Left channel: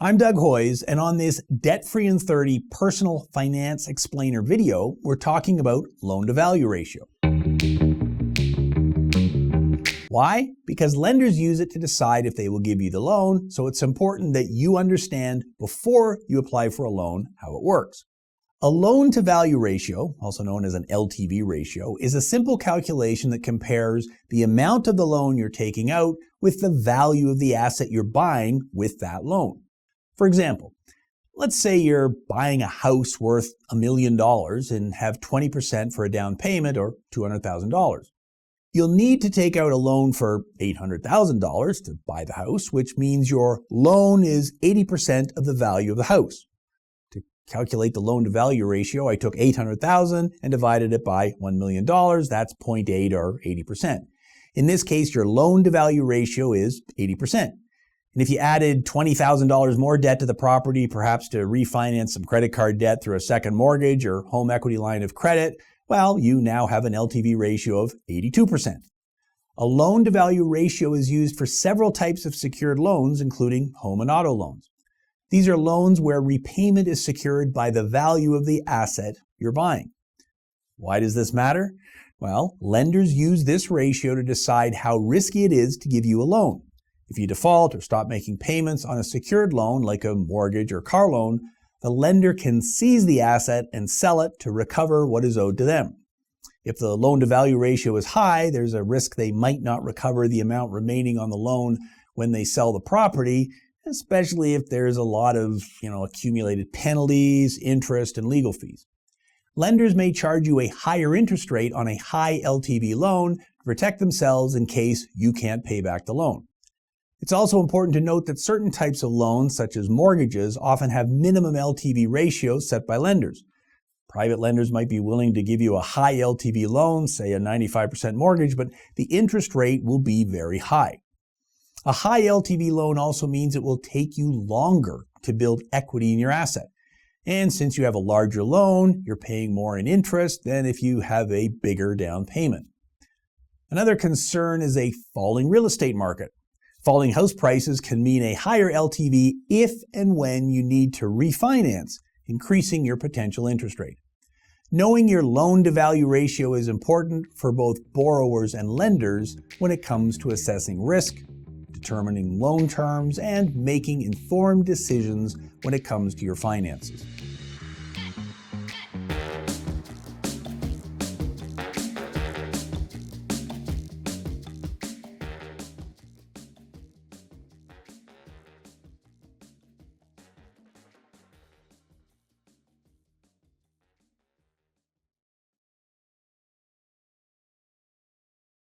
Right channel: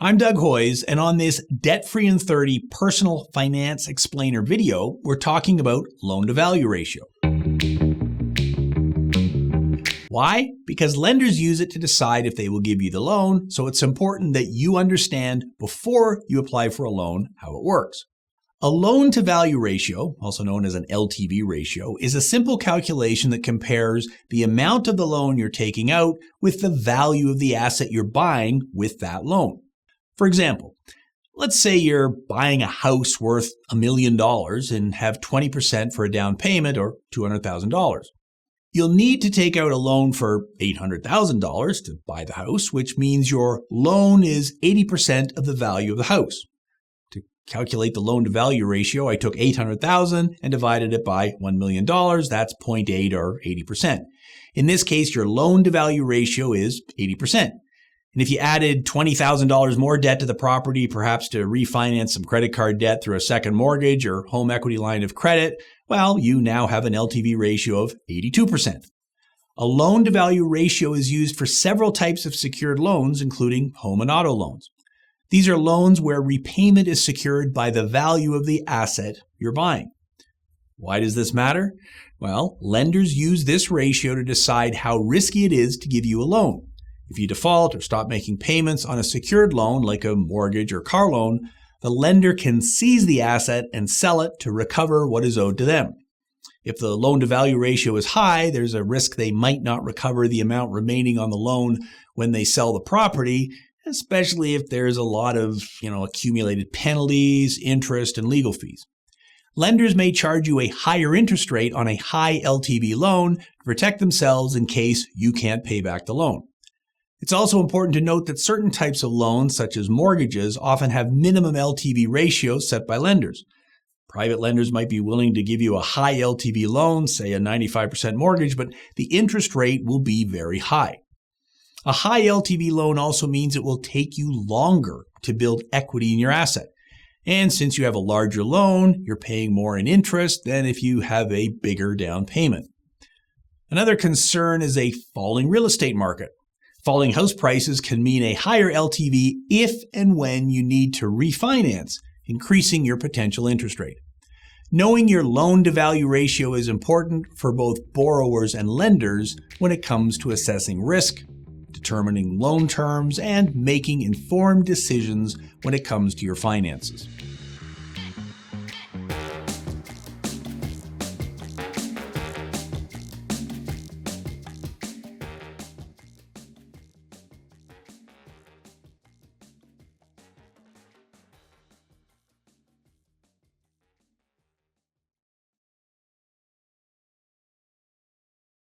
I'm Doug Hoyes, and on this Debt-Free in 30 Personal Finance Explainer video, we're talking about loan-to-value ratio. Why? Because lenders use it to decide if they will give you the loan, so it's important that you understand before you apply for a loan how it works. A loan-to-value ratio, also known as an LTV ratio, is a simple calculation that compares the amount of the loan you're taking out with the value of the asset you're buying with that loan. For example, let's say you're buying a house worth $1 million and have 20% for a down payment or $200,000. You'll need to take out a loan for $800,000 to buy the house, which means your loan is 80% of the value of the house. To calculate the loan-to-value ratio, I took $800,000 and divided it by $1 million. That's 0.8 or 80%. In this case, your loan-to-value ratio is 80%. And if you added $20,000 more debt to the property, perhaps to refinance some credit card debt through a second mortgage or home equity line of credit, well, you now have an LTV ratio of 82%. A loan-to-value ratio is used for several types of secured loans, including home and auto loans. These are loans where repayment is secured by the value of the asset you're buying. Why does this matter? Well, lenders use this ratio to decide how risky it is to give you a loan. If you default or stop making payments on a secured loan like a mortgage or car loan, the lender can seize the asset and sell it to recover what is owed to them. If the loan-to-value ratio is high, there's a risk they might not recover the amount remaining on the loan when they sell the property, especially if there's a lot of accumulated penalties, interest, and legal fees. Lenders may charge you a higher interest rate on a high LTV loan to protect themselves in case you can't pay back the loan. It's also important to note that certain types of loans, such as mortgages, often have minimum LTV ratios set by lenders. Private lenders might be willing to give you a high LTV loan, say a 95% mortgage, but the interest rate will be very high. A high LTV loan also means it will take you longer to build equity in your asset. And since you have a larger loan, you're paying more in interest than if you have a bigger down payment. Another concern is a falling real estate market. Falling house prices can mean a higher LTV if and when you need to refinance, increasing your potential interest rate. Knowing your loan-to-value ratio is important for both borrowers and lenders when it comes to assessing risk, determining loan terms, and making informed decisions when it comes to your finances.